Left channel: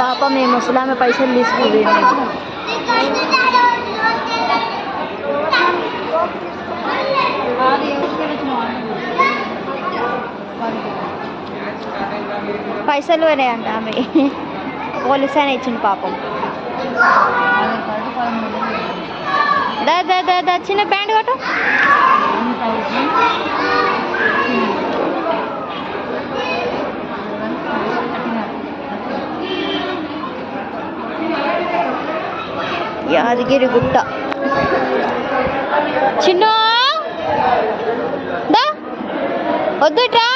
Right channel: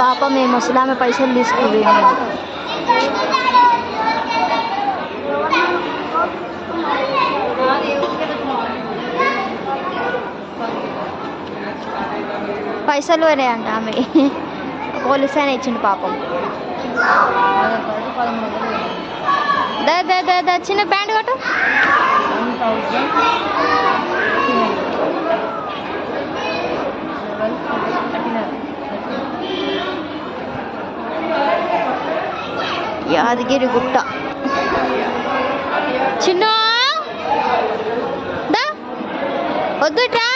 పాప మేము ముసలామె పైసలు తీసుకుంది. పైసలు పోయినాయంట ఆమె. పోలీస్ ఆయన ఇచ్చిండు పాపం. దా చిన్న ప్యాంట్ కొట్టు. యాదగిరి గుట్ట. చిన్న దా వద్దుట్రా.